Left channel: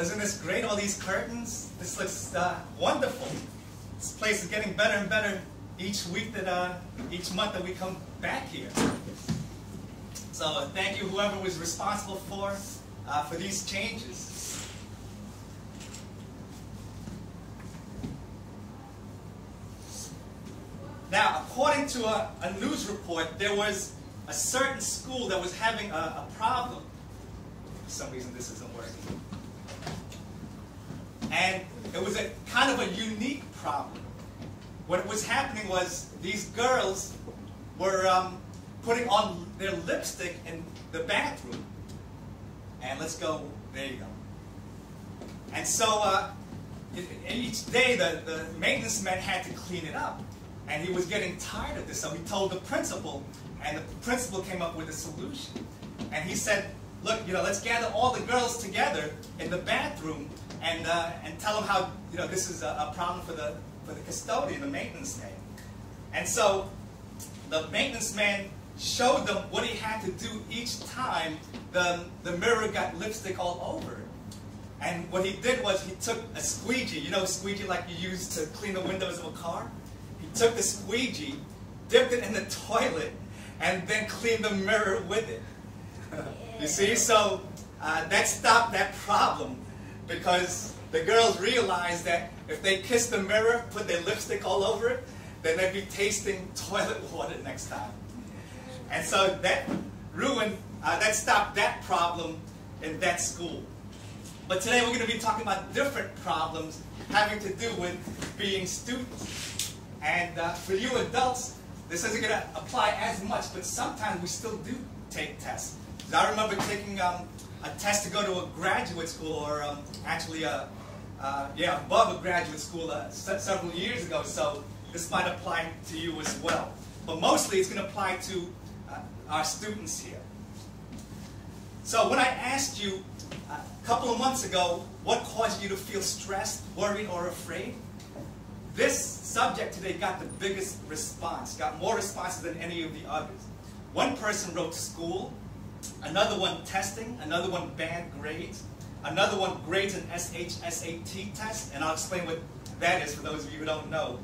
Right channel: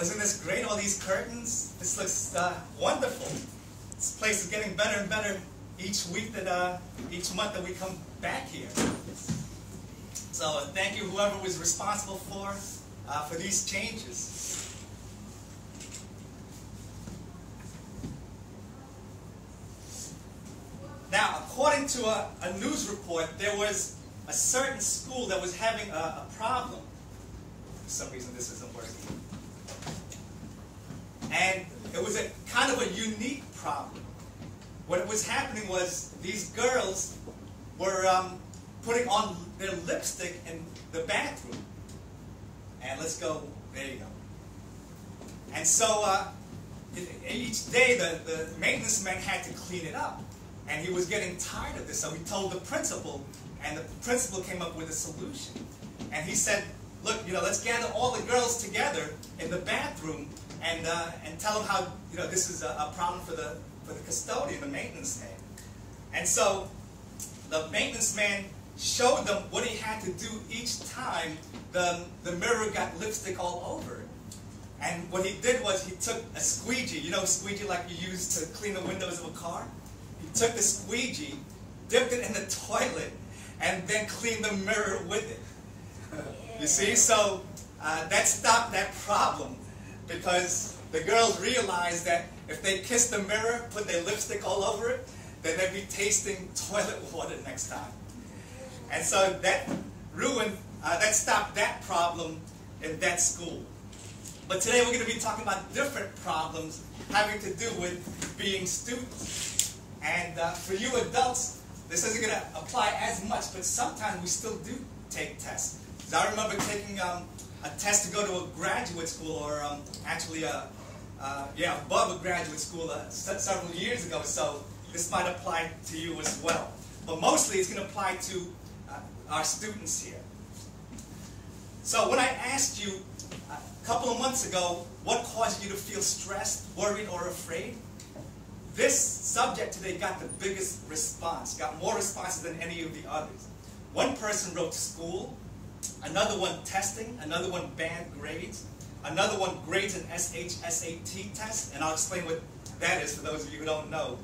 isn't this great, all these curtains? This looks wonderful. This place is getting better and better each week each month that we come back here. So thank you, whoever was responsible for these changes. Now, according to a news report, there was a certain school that was having a problem. For some reason, this isn't working. And it was a kind of a unique problem. What was happening was these girls were putting on their lipstick in the bathroom. And let's go, there you go. And so each day the maintenance man had to clean it up. And he was getting tired of this, so he told the principal, and the principal came up with a solution. And he said, look, let's gather all the girls together in the bathroom and tell them how, this is a problem for the custodian, the maintenance man. And so the maintenance man showed them what he had to do each time the mirror got lipstick all over it. And what he did was he took a squeegee, squeegee like you use to clean the windows of a car? He took the squeegee, dipped it in the toilet, and then cleaned the mirror with it. You see? So that stopped that problem because the girls realized that if they kissed the mirror, put their lipstick all over it, then they'd be tasting toilet water next time. And so that stopped that problem in that school. But today we're going to be talking about different problems having to do with being students. And for you adults, this isn't going to apply as much, but sometimes we still do take tests. Because I remember taking a test to go to a graduate school, or actually above a graduate school several years ago, so this might apply to you as well. But mostly it's going to apply to our students here. So when I asked you a couple of months ago what caused you to feel stressed, worried, or afraid, this subject today got the biggest response, got more responses than any of the others. One person wrote school, another one testing, another one bad grades, another one grades and SAT tests, and I'll explain what that is for those of you who don't know.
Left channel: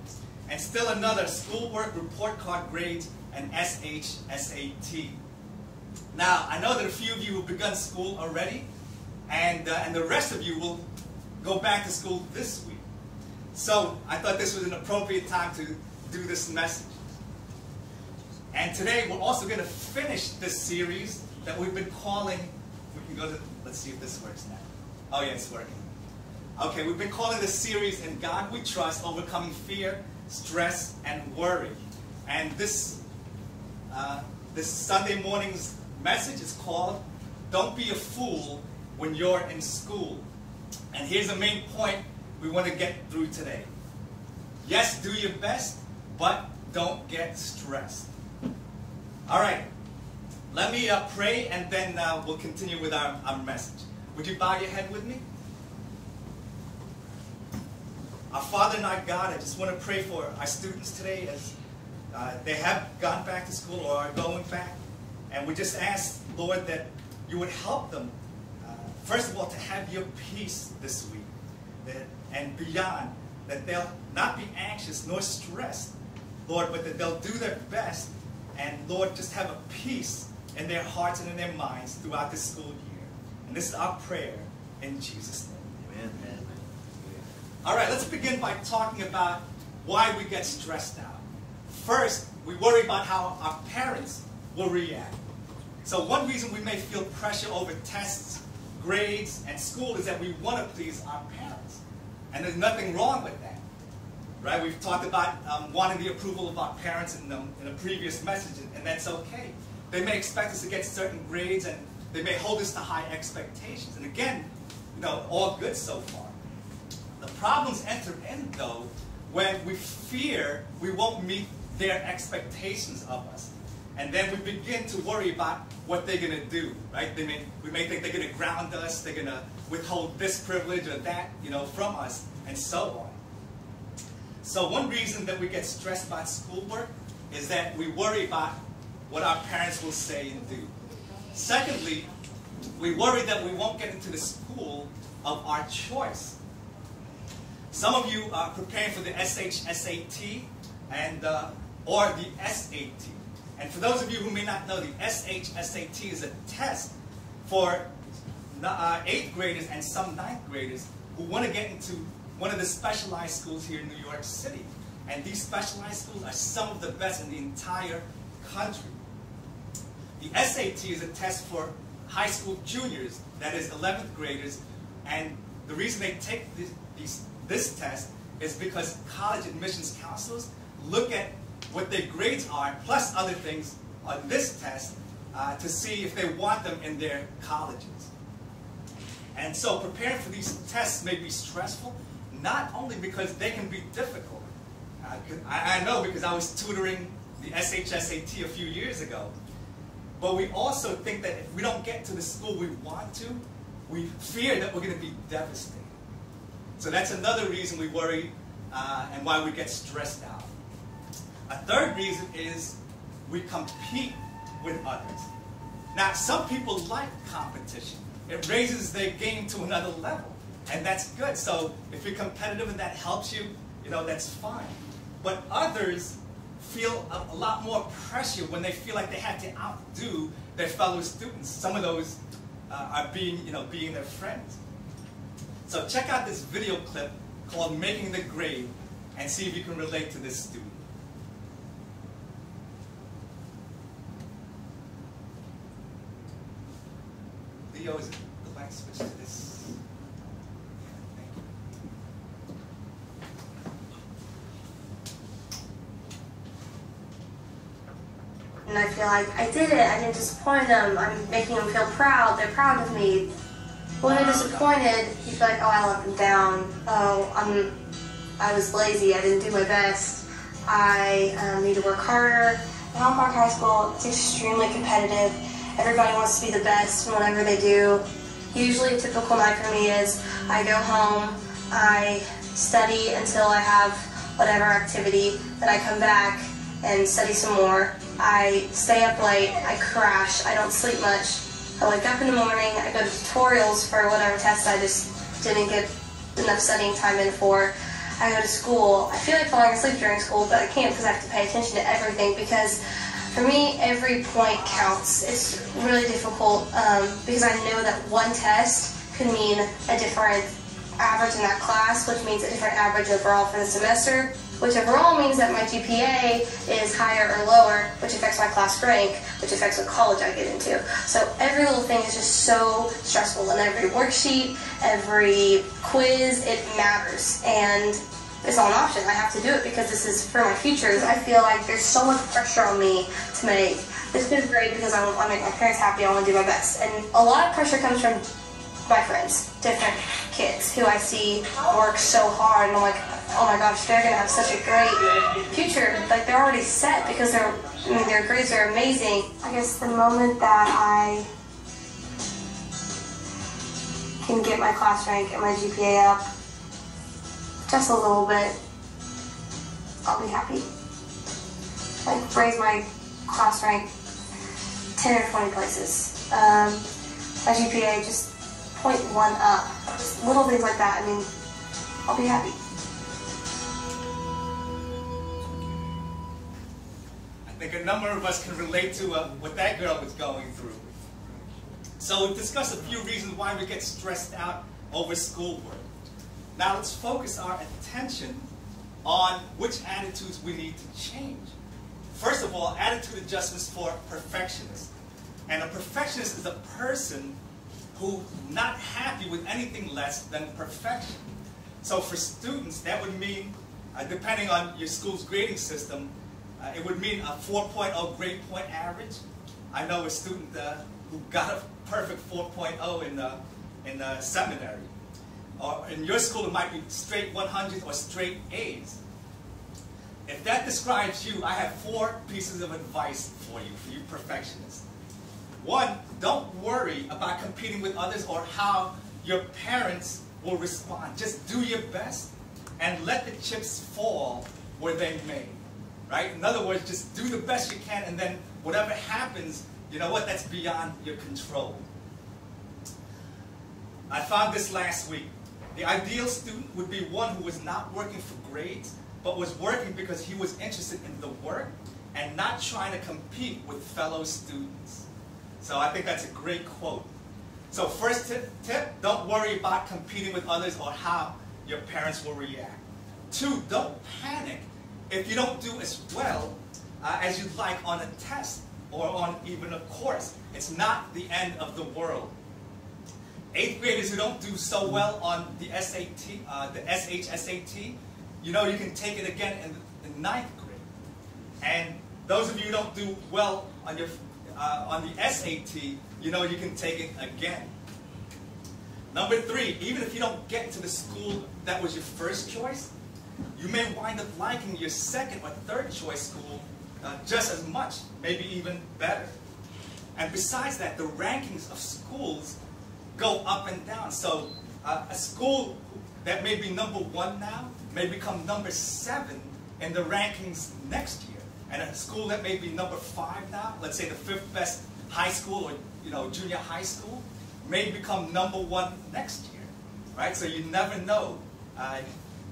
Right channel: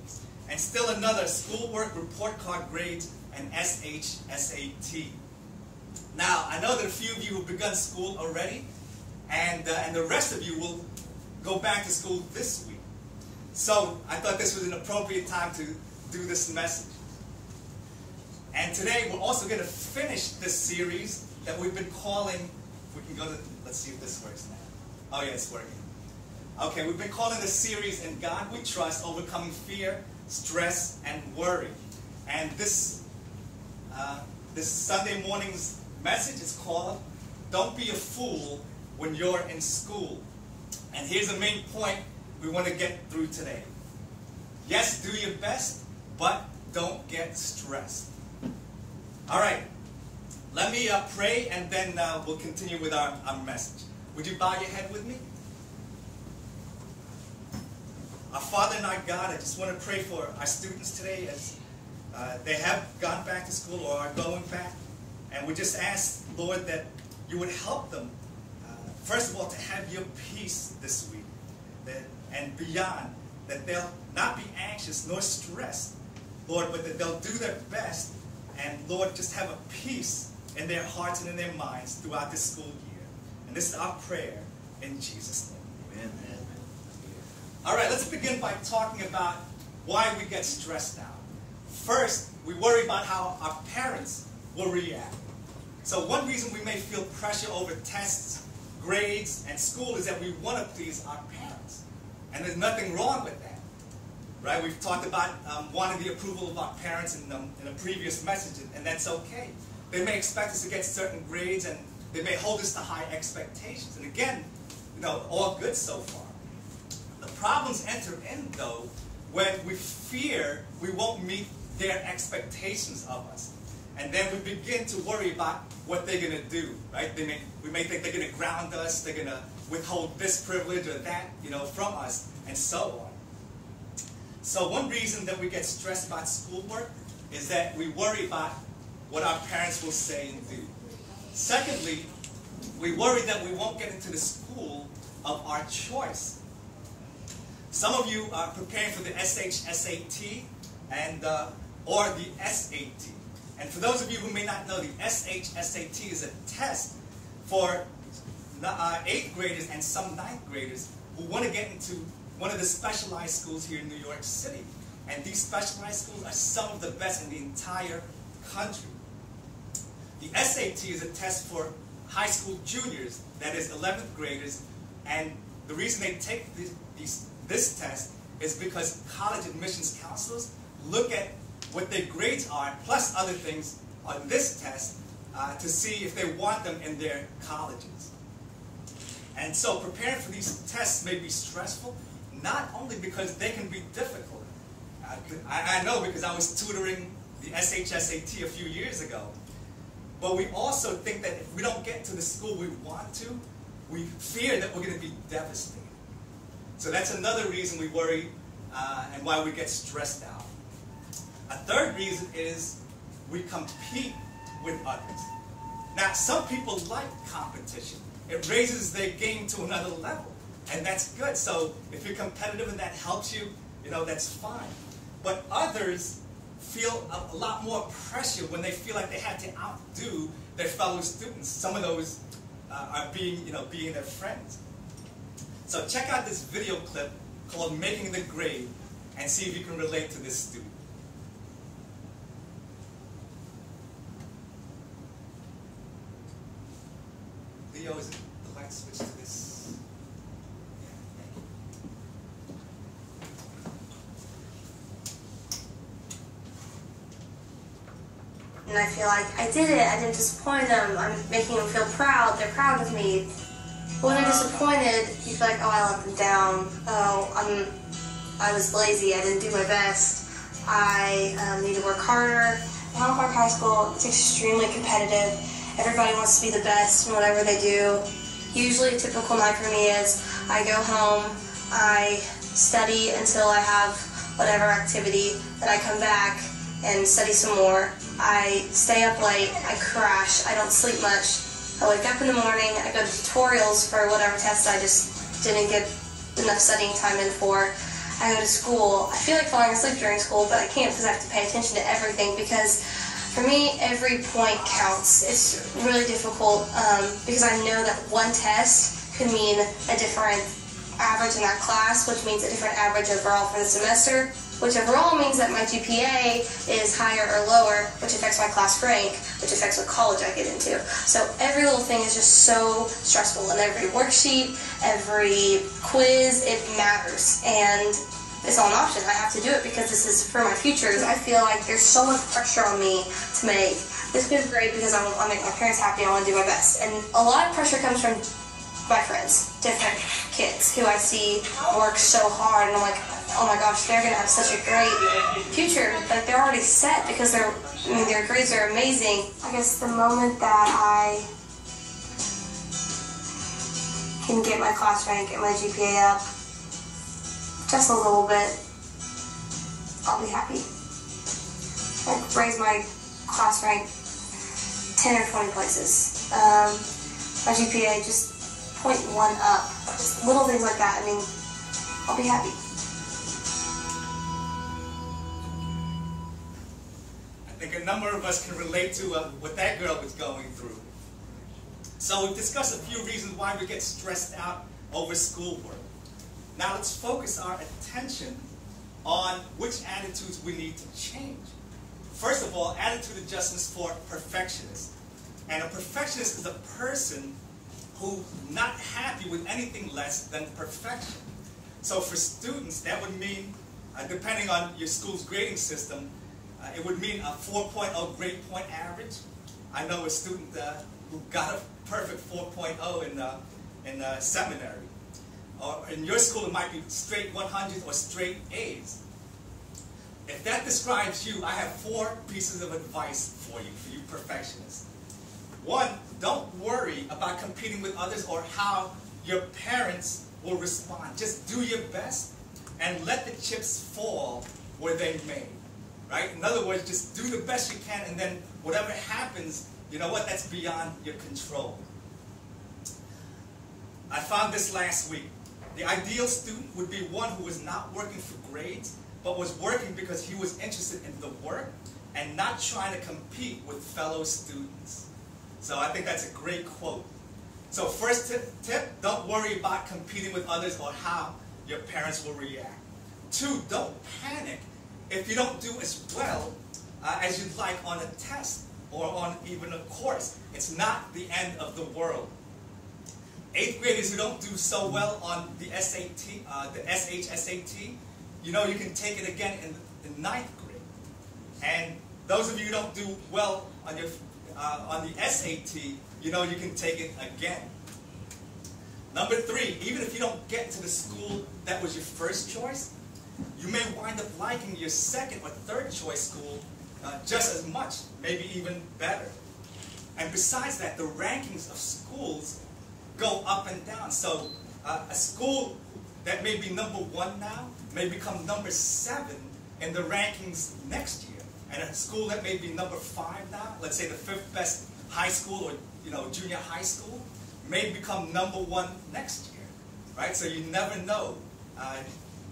And still another, schoolwork, report card grades, and SAT. Now, I know that a few of you have begun school already, and the rest of you will go back to school this week. So I thought this was an appropriate time to do this message. And today we're also going to finish this series that we've been calling, we can go to, let's see if this works now. Oh yeah, it's working. Okay, we've been calling this series In God We Trust, Overcoming Fear, Stress, and Worry. And this Sunday morning's message is called, Don't Be a Fool When You're in School. And here's the main point we want to get through today. Yes, do your best, but don't get stressed. All right, let me pray, and then we'll continue with our message. Would you bow your head with me? Our Father and our God, I just want to pray for our students today as they have gone back to school or are going back. And we just ask, Lord, that you would help them, first of all, to have your peace this week. And beyond, that they'll not be anxious nor stressed, Lord, but that they'll do their best, and Lord, just have a peace in their hearts and in their minds throughout this school year. And this is our prayer in Jesus' name. Amen. Amen. All right, let's begin by talking about why we get stressed out. First, we worry about how our parents will react. So one reason we may feel pressure over tests, grades, and school is that we want to please our parents. And there's nothing wrong with that, right? We've talked about wanting the approval of our parents in a previous message, and that's okay. They may expect us to get certain grades, and they may hold us to high expectations. And again, all good so far. The problems enter in, though, when we fear we won't meet their expectations of us. And then we begin to worry about what they're going to do, right? We may think they're going to ground us, they're going to withhold this privilege or that, from us, and so on. So one reason that we get stressed about schoolwork is that we worry about what our parents will say and do. Secondly, we worry that we won't get into the school of our choice. Some of you are preparing for the SHSAT and, or the SAT. And for those of you who may not know, the SHSAT is a test for 8th graders and some 9th graders who want to get into one of the specialized schools here in New York City. And these specialized schools are some of the best in the entire country. The SAT is a test for high school juniors, that is 11th graders, and the reason they take this test is because college admissions counselors look at what their grades are, plus other things, on this test to see if they want them in their colleges. And so preparing for these tests may be stressful, not only because they can be difficult. I know because I was tutoring the SHSAT a few years ago. But we also think that if we don't get to the school we want to, we fear that we're going to be devastated. So that's another reason we worry and why we get stressed out. A third reason is we compete with others. Now, some people like competition. It raises their game to another level, and that's good. So if you're competitive and that helps you, that's fine. But others feel a lot more pressure when they feel like they have to outdo their fellow students. Some of those are being their friends. So check out this video clip called Making the Grade and see if you can relate to this student. Leo, is the light switch to this? Thank you. And I feel like I did it. I didn't disappoint them. I'm making them feel proud. They're proud of me. When they're disappointed, you feel like, oh, I let them down. Oh, I was lazy. I didn't do my best. I need to work harder. In Highland Park High School, it's extremely competitive. Everybody wants to be the best in whatever they do. Usually a typical night for me is I go home, I study until I have whatever activity, then I come back and study some more. I stay up late, I crash, I don't sleep much. I wake up in the morning, I go to tutorials for whatever tests I just didn't get enough studying time in for. I go to school. I feel like falling asleep during school, but I can't because I have to pay attention to everything because for me, every point counts. It's really difficult because I know that one test could mean a different average in that class, which means a different average overall for the semester, which overall means that my GPA is higher or lower, which affects my class rank, which affects what college I get into. So every little thing is just so stressful, and every worksheet, every quiz, it matters. And it's not an option. I have to do it because this is for my futures. I feel like there's so much pressure on me to make this fifth grade because I want to make my parents happy. I want to do my best. And a lot of pressure comes from my friends, different kids who I see work so hard, and I'm like, oh my gosh, they're going to have such a great future. Like, they're already set because their grades are amazing. I guess the moment that I can get my class rank and my GPA up just a little bit, I'll be happy. Like, raise my class rank 10 or 20 places. My GPA just 0.1 up. Just little things like that. I mean, I'll be happy. I think a number of us can relate to what that girl was going through. So we've discussed a few reasons why we get stressed out over schoolwork. Now let's focus our attention on which attitudes we need to change. First of all, attitude adjustments for perfectionists. And a perfectionist is a person who's not happy with anything less than perfection. So for students, that would mean, depending on your school's grading system, it would mean a 4.0 grade point average. I know a student who got a perfect 4.0 in seminary. Or in your school, it might be straight 100s or straight A's. If that describes you, I have 4 pieces of advice for you perfectionists. 1, don't worry about competing with others or how your parents will respond. Just do your best and let the chips fall where they may. Right? In other words, just do the best you can, and then whatever happens, you know what, that's beyond your control. I found this last week. The ideal student would be one who was not working for grades, but was working because he was interested in the work and not trying to compete with fellow students. So I think that's a great quote. So first tip, don't worry about competing with others or how your parents will react. 2, don't panic if you don't do as well as you'd like on a test or on even a course. It's not the end of the world. 8th graders who don't do so well on the SAT, the SHSAT, you know you can take it again in 9th grade. And those of you who don't do well on your on the SAT, you know you can take it again. Number 3, even if you don't get into the school that was your first choice, you may wind up liking your second or third choice school just as much, maybe even better. And besides that, the rankings of schools go up and down. So a school that may be number 1 now may become number 7 in the rankings next year. And a school that may be number 5 now, let's say the 5th best high school or junior high school, may become number 1 next year, right? So you never know.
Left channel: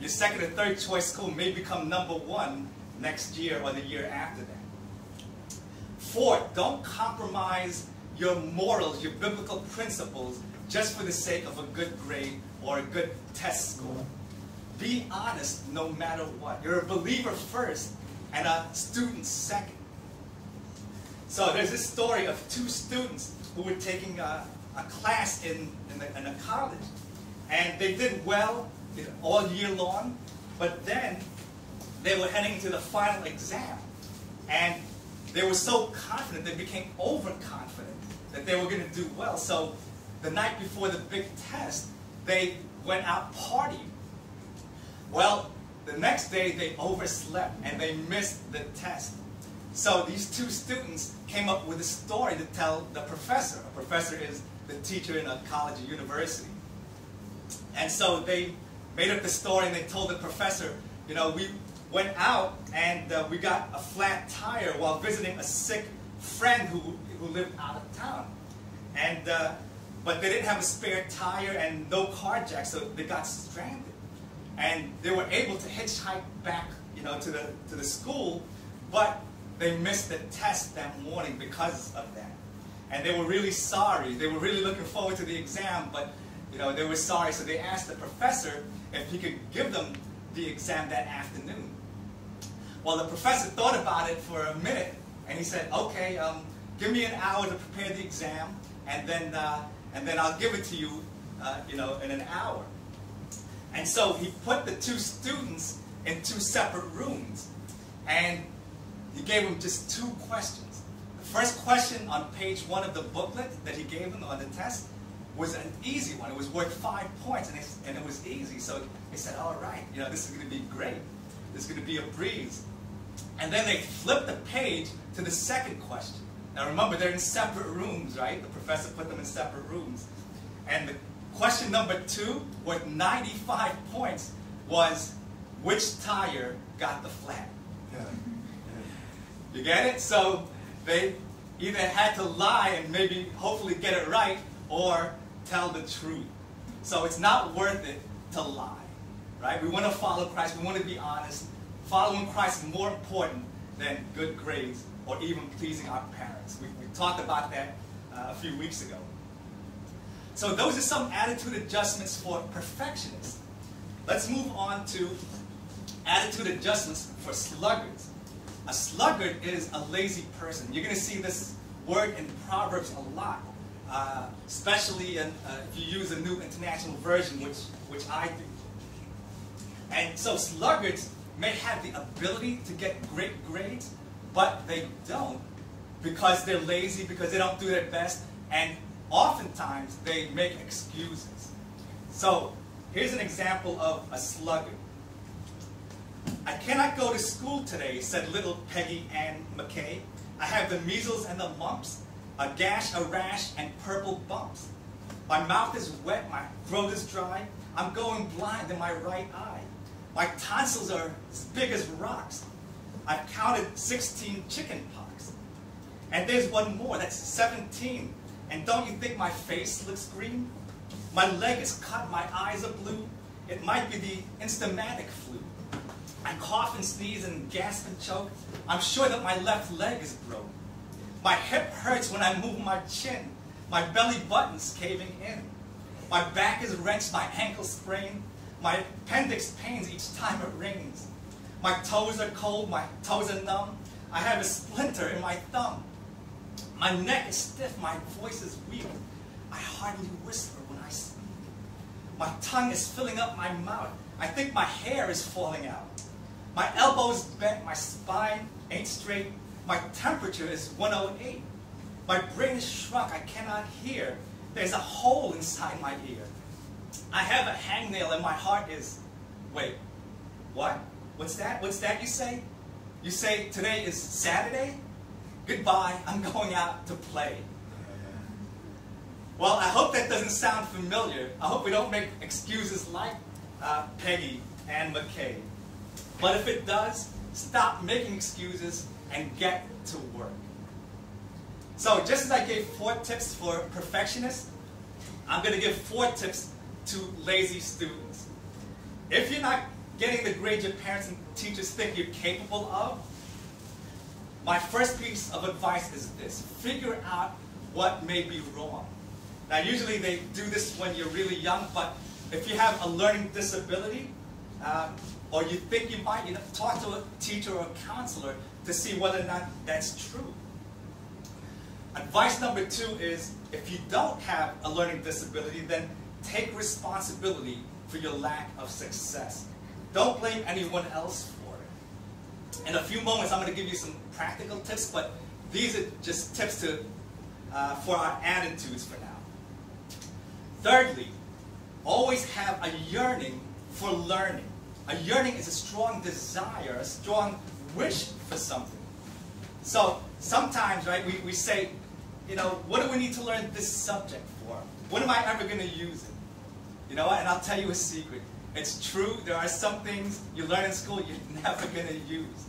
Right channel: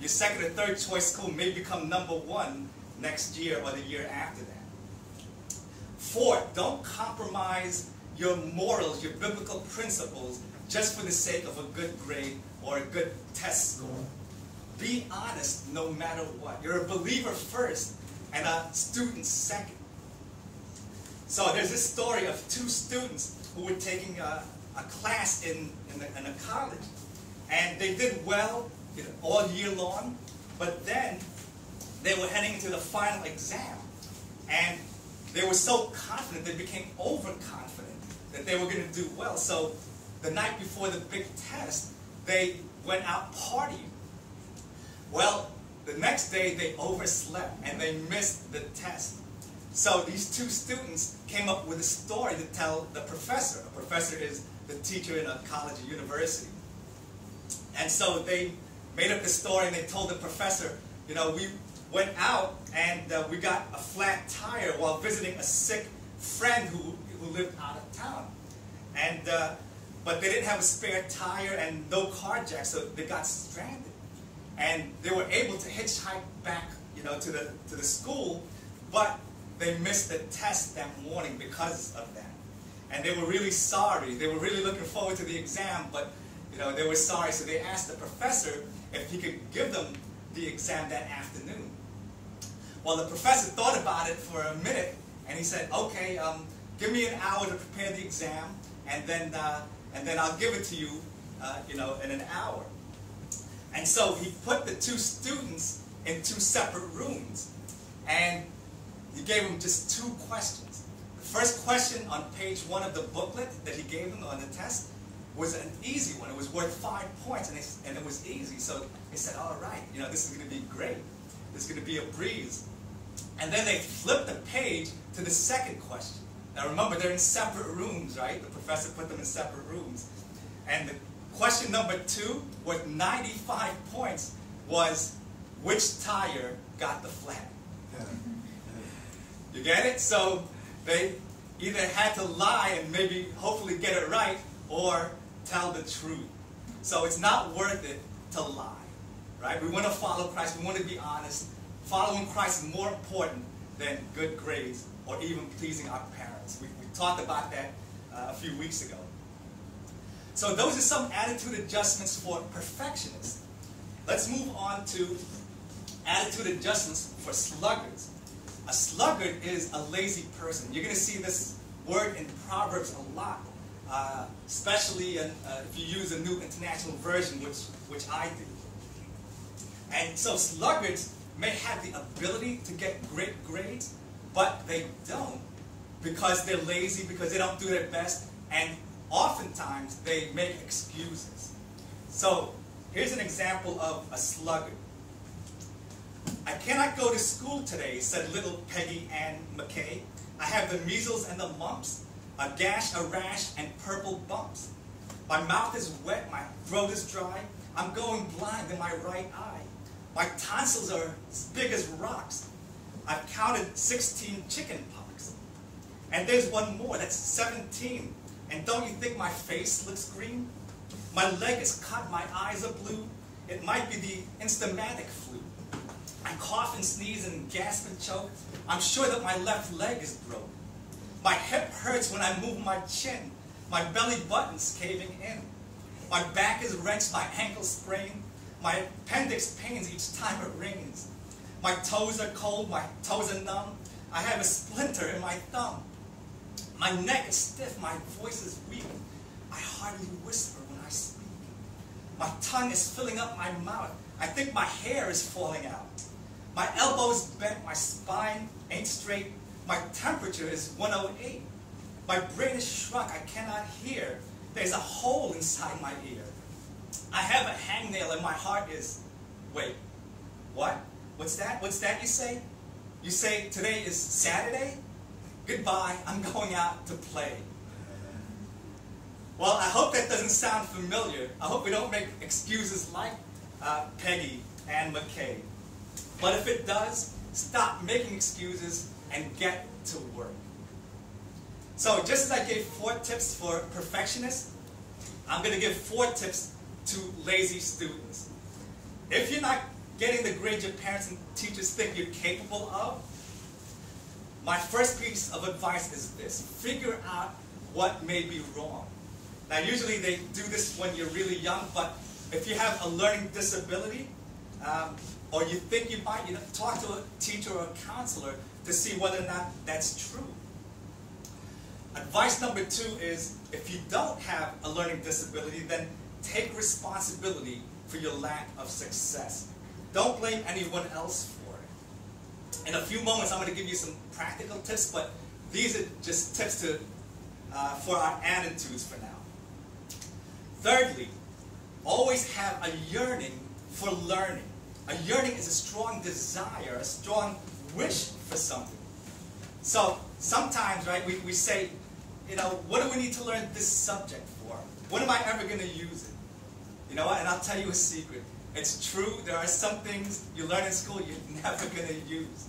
Your second or third choice school may become number 1 next year or the year after that. 4, don't compromise your morals, your biblical principles, just for the sake of a good grade or a good test score. Be honest no matter what. You're a believer first and a student second. So there's this story of 2 students who were taking a class in a college. And they did well all year long, but then they were heading to the final exam. And they were so confident, they became overconfident that they were going to do well. So the night before the big test, they went out partying. Well, the next day they overslept and they missed the test. So these 2 students came up with a story to tell the professor. A professor is the teacher in a college or university. And so they made up the story and they told the professor, you know, we went out and we got a flat tire while visiting a sick friend who lived out of town. And but they didn't have a spare tire and no car jack, so they got stranded. And they were able to hitchhike back, to the school, but they missed the test that morning because of that. And they were really sorry. They were really looking forward to the exam, but they were sorry. So they asked the professor if he could give them the exam that afternoon. Well, the professor thought about it for a minute, and he said, "Okay, give me an hour to prepare the exam, and then I'll give it to you, in an hour." And so he put the 2 students in 2 separate rooms, and he gave them just 2 questions. The first question on page 1 of the booklet that he gave them on the test was an easy one. It was worth 5 points, and it was easy. So they said, "All right, this is going to be great. This is going to be a breeze." And then they flipped the page to the second question. Now remember, they're in separate rooms, right? The professor put them in separate rooms. And the question number 2, worth 95 points, was, which tire got the flat? Yeah. You get it? So they either had to lie and maybe hopefully get it right, or tell the truth. So it's not worth it to lie, right? We want to follow Christ. We want to be honest. Following Christ is more important than good grades or even pleasing our parents. We talked about that a few weeks ago. So those are some attitude adjustments for perfectionists. Let's move on to attitude adjustments for sluggards. A sluggard is a lazy person. You're going to see this word in Proverbs a lot, especially if you use a New International Version, which I do. And so sluggards may have the ability to get great grades, but they don't because they're lazy, because they don't do their best, and oftentimes they make excuses. So here's an example of a sluggard. "I cannot go to school today," said little Peggy Ann McKay. "I have the measles and the mumps, a gash, a rash, and purple bumps. My mouth is wet, my throat is dry, I'm going blind in my right eye. My tonsils are as big as rocks. I've counted 16 chicken pox. And there's one more, that's 17. And don't you think my face looks green? My leg is cut, my eyes are blue. It might be the Instamatic flu. I cough and sneeze and gasp and choke. I'm sure that my left leg is broke. My hip hurts when I move my chin. My belly button's caving in. My back is wrenched, my ankle sprained. My appendix pains each time it rains. My toes are cold, my toes are numb. I have a splinter in my thumb. My neck is stiff, my voice is weak. I hardly whisper when I speak. My tongue is filling up my mouth. I think my hair is falling out. My elbow's bent, my spine ain't straight. My temperature is 108. My brain is shrunk, I cannot hear. There's a hole inside my ear. I have a hangnail and my heart is... Wait, what? What's that? What's that you say? You say today is Saturday? Goodbye, I'm going out to play. Well, I hope that doesn't sound familiar. I hope we don't make excuses like Peggy and McKay. But if it does, stop making excuses and get to work. So just as I gave 4 tips for perfectionists, I'm going to give 4 tips to lazy students. If you're not getting the grades your parents and teachers think you're capable of, my first piece of advice is this: figure out what may be wrong. Now usually they do this when you're really young, but if you have a learning disability, or you think you might, talk to a teacher or a counselor to see whether or not that's true. Advice number 2 is, if you don't have a learning disability, then take responsibility for your lack of success. Don't blame anyone else for it. In a few moments, I'm going to give you some practical tips, but these are just tips to, for our attitudes for now. Thirdly, always have a yearning for learning. A yearning is a strong desire, a strong wish for something. So sometimes, right, we say, what do we need to learn this subject for? When am I ever going to use it? You know what? And I'll tell you a secret. It's true, there are some things you learn in school you're never going to use.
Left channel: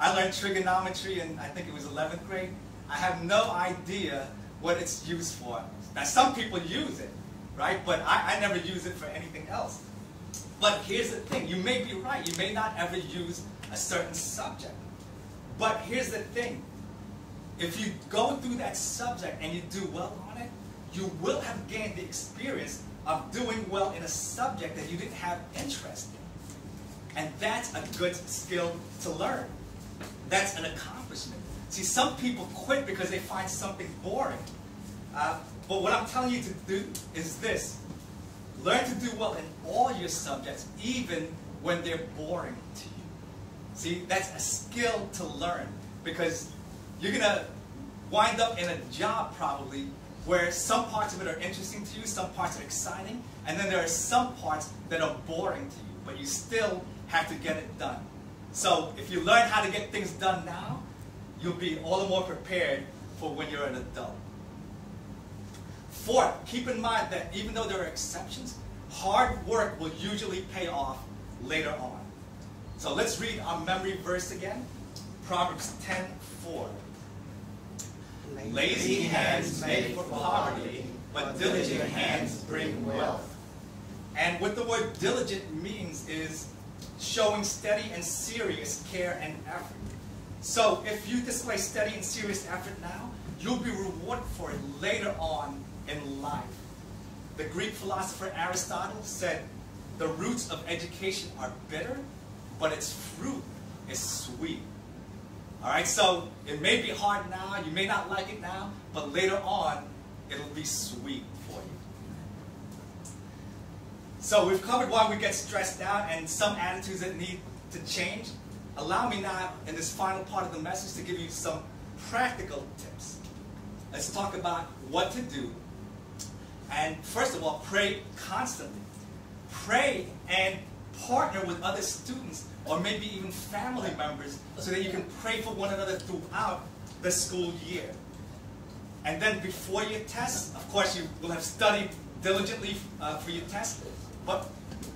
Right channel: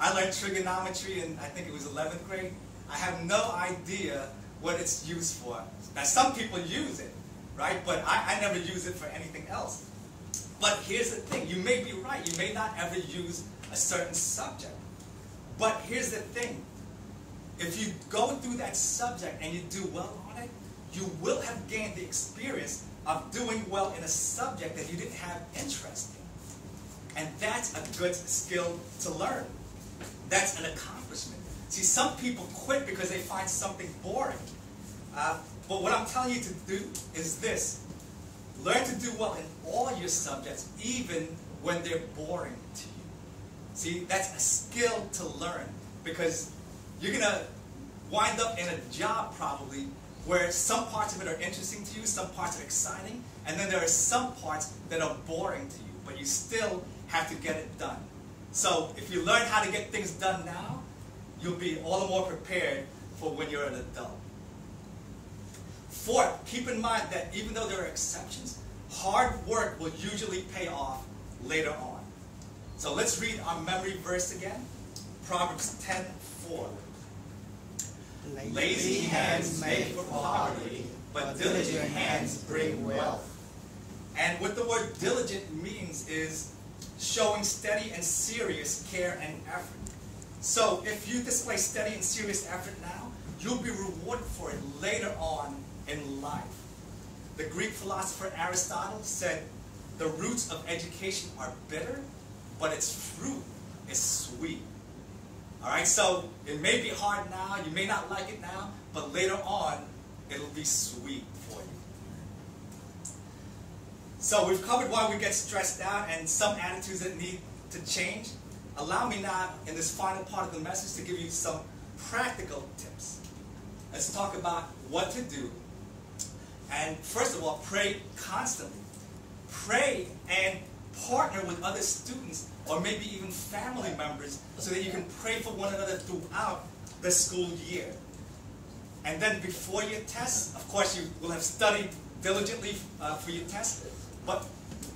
I learned trigonometry in, I think it was 11th grade. I have no idea what it's used for. Now some people use it, right? But I never use it for anything else. But here's the thing, you may be right. You may not ever use a certain subject. But here's the thing. If you go through that subject and you do well on it, you will have gained the experience of doing well in a subject that you didn't have interest in. And that's a good skill to learn. That's an accomplishment. See, some people quit because they find something boring. But what I'm telling you to do is this. Learn to do well in all your subjects, even when they're boring to you. See, that's a skill to learn, because you're going to wind up in a job probably where some parts of it are interesting to you, some parts are exciting, and then there are some parts that are boring to you, but you still have to get it done. So if you learn how to get things done now, you'll be all the more prepared for when you're an adult. Fourth, keep in mind that even though there are exceptions, hard work will usually pay off later on. So let's read our memory verse again. Proverbs 10:4. Lazy hands make for poverty, but diligent hands bring wealth. And what the word diligent means is showing steady and serious care and effort. So if you display steady and serious effort now, you'll be rewarded for it later on in life. The Greek philosopher Aristotle said, the roots of education are bitter, but its fruit is sweet. All right, so it may be hard now, you may not like it now, but later on, it'll be sweet for you. So we've covered why we get stressed out and some attitudes that need to change. Allow me now, in this final part of the message, to give you some practical tips. Let's talk about what to do. And first of all, pray constantly. Pray and partner with other students or maybe even family members so that you can pray for one another throughout the school year. And then before your test, of course you will have studied diligently for your test, but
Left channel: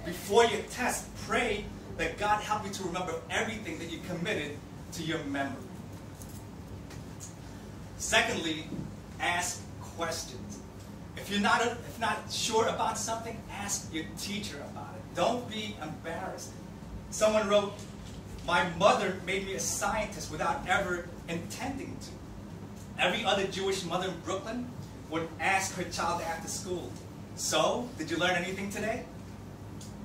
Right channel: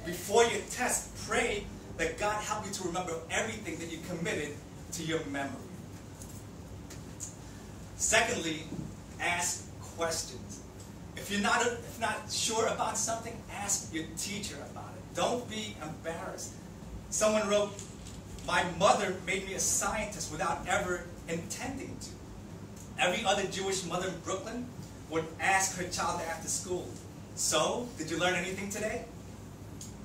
before your test, pray that God help you to remember everything that you committed to your memory. Secondly, ask questions. If you're not sure about something, ask your teacher about it. Don't be embarrassed. Someone wrote, "My mother made me a scientist without ever intending to." Every other Jewish mother in Brooklyn would ask her child after school, "So, did you learn anything today?"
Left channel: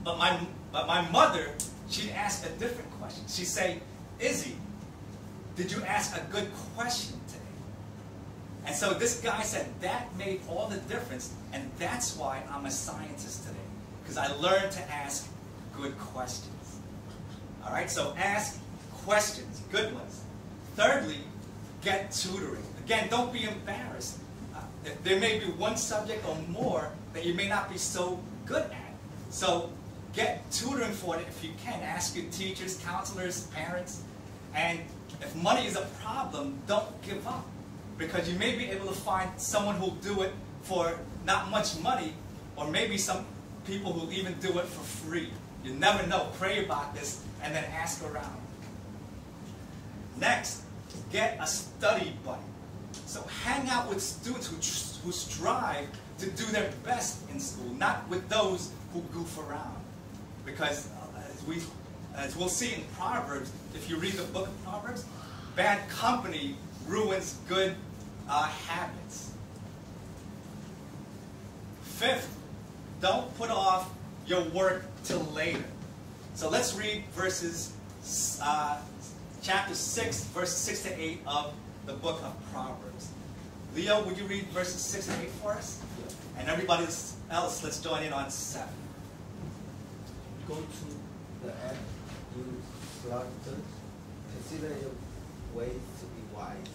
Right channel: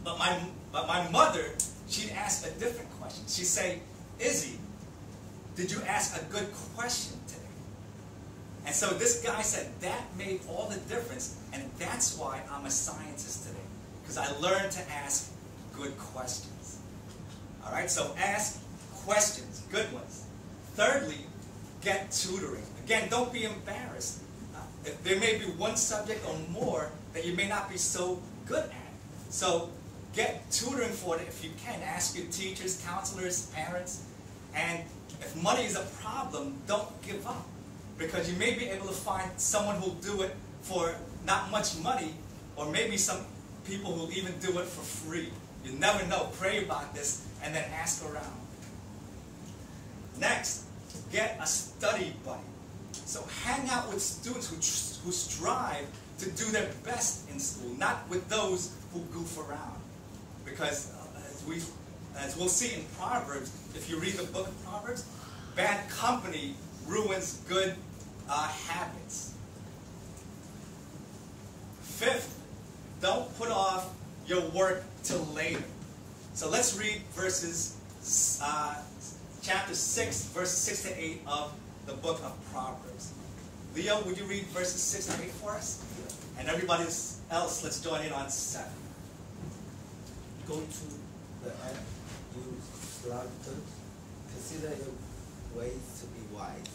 But my mother, she'd ask a different question. She'd say, "Izzy, did you ask a good question today?" And so this guy said that made all the difference, and that's why I'm a scientist today, because I learned to ask good questions. All right, so ask questions, good ones. Thirdly, get tutoring. Again, don't be embarrassed. There may be one subject or more that you may not be so good at. So get tutoring for it if you can. Ask your teachers, counselors, parents. And if money is a problem, don't give up, because you may be able to find someone who'll do it for not much money, or maybe some people who'll even do it for free. You never know. Pray about this and then ask around. Next, get a study buddy. So hang out with students who strive to do their best in school, not with those who goof around. Because as we'll see in Proverbs, if you read the book of Proverbs, bad company ruins good habits. Fifth, don't put off your work till later. So let's read chapter 6, verses 6 to 8 of the book of Proverbs. Leo, would you read verses 6 to 8 for us? And everybody else, let's join in on 7. Go to the app, use instructors, consider your ways to be wise.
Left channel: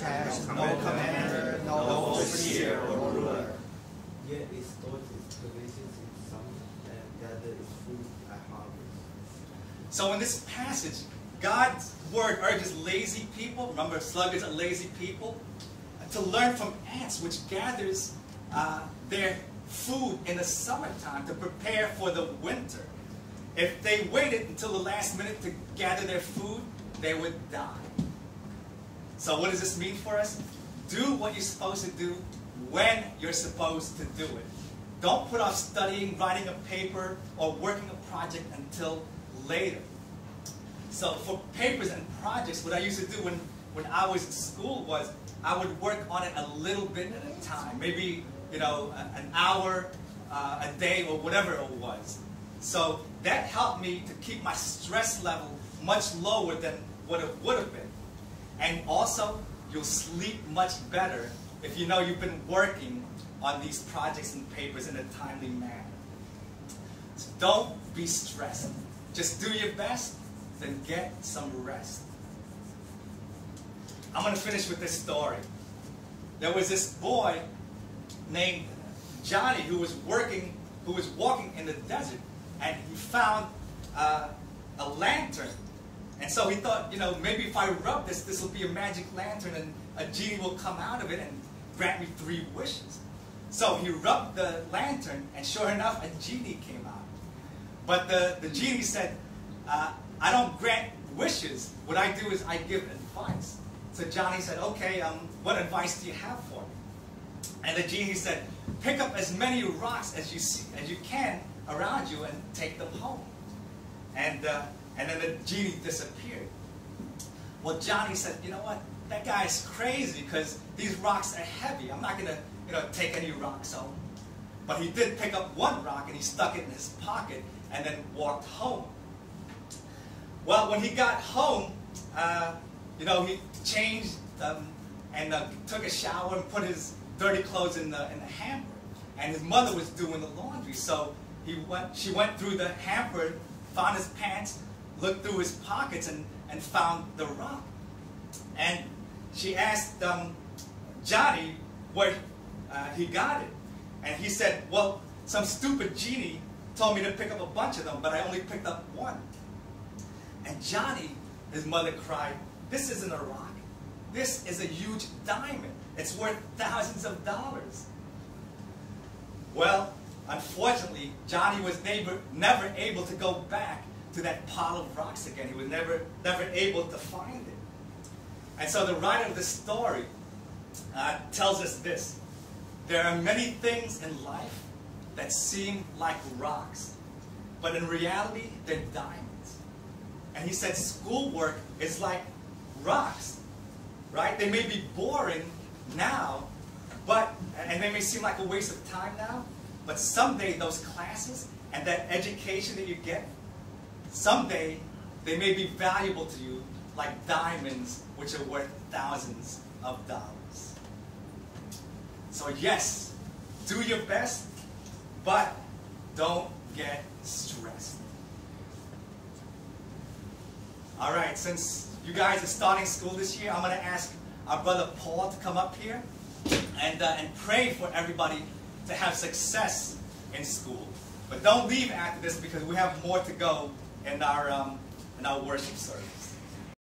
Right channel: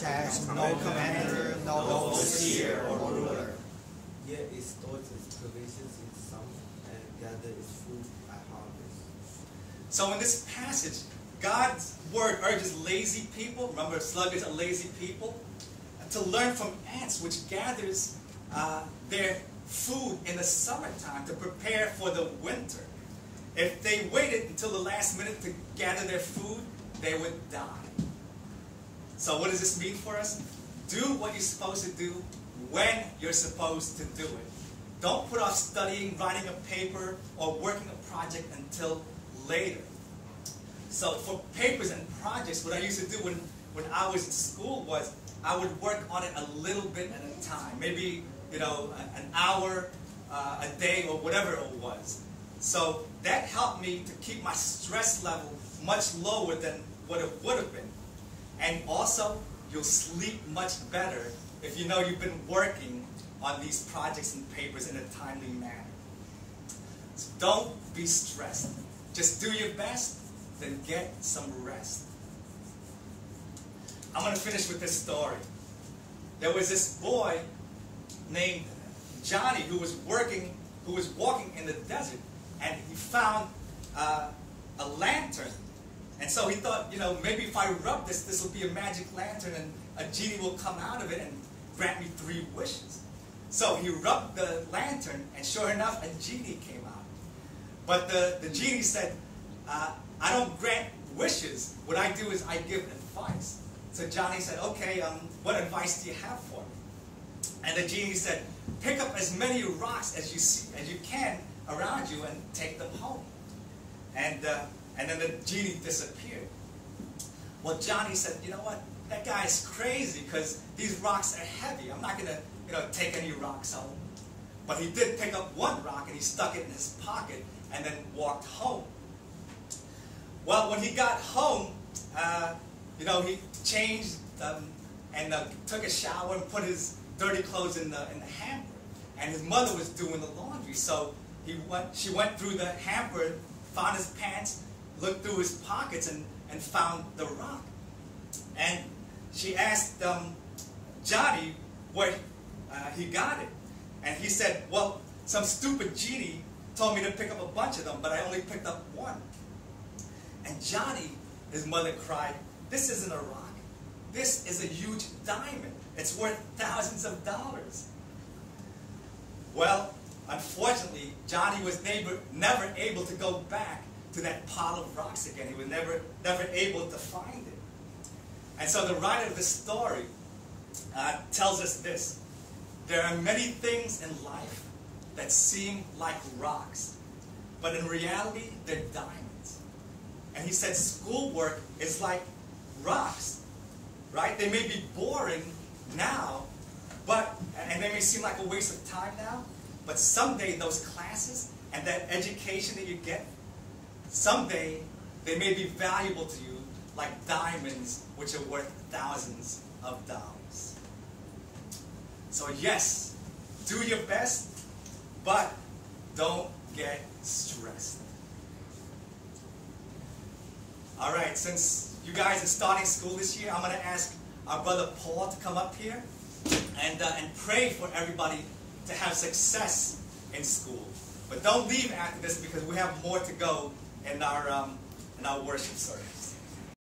Have no commander, no overseer or ruler. Yet it stores its provisions in summer and gathers its food at harvest. So in this passage, God's word urges lazy people, remember sluggards are lazy people, to learn from ants, which gathers their food in the summertime to prepare for the winter. If they waited until the last minute to gather their food, they would die. So what does this mean for us? Do what you're supposed to do when you're supposed to do it. Don't put off studying, writing a paper, or working a project until later. So for papers and projects, what I used to do when I was in school was I would work on it a little bit at a time. Maybe, an hour a day or whatever it was. So that helped me to keep my stress level much lower than what it would have been. And also, you'll sleep much better if you know you've been working on these projects and papers in a timely manner. So don't be stressed. Just do your best, then get some rest. I'm going to finish with this story. There was this boy named Johnny who was walking in the desert, and he found a lantern. And so he thought, maybe if I rub this will be a magic lantern and a genie will come out of it and grant me 3 wishes. So he rubbed the lantern, and sure enough, a genie came out. But the genie said, I don't grant wishes. What I do is I give advice. So Johnny said, okay, what advice do you have for me? And the genie said, pick up as many rocks as you can around you and take them home. And then the genie disappeared. Well, Johnny said, you know what? That guy's crazy because these rocks are heavy. I'm not going to take any rocks home. But he did pick up one rock and he stuck it in his pocket and then walked home. Well, when he got home, he changed and took a shower and put his dirty clothes in the hamper. And his mother was doing the laundry, so she went through the hamper, found his pants, looked through his pockets, and found the rock. And she asked Johnny where he got it. And he said, well, some stupid genie told me to pick up a bunch of them, but I only picked up one. And Johnny, his mother cried, this isn't a rock. This is a huge diamond. It's worth thousands of dollars. Well, unfortunately, Johnny was never able to go back to that pile of rocks again. He was never able to find it. And so the writer of the story tells us this. there are many things in life that seem like rocks, but in reality, they're diamonds. And he said schoolwork is like rocks, right? They may be boring now, and they may seem like a waste of time now, but someday those classes and that education that you get, someday they may be valuable to you like diamonds, which are worth thousands of dollars. So yes, do your best, but don't get stressed. All right, since you guys are starting school this year, I'm going to ask our brother Paul to come up here and pray for everybody to have success in school. But don't leave after this because we have more to go in our worship service.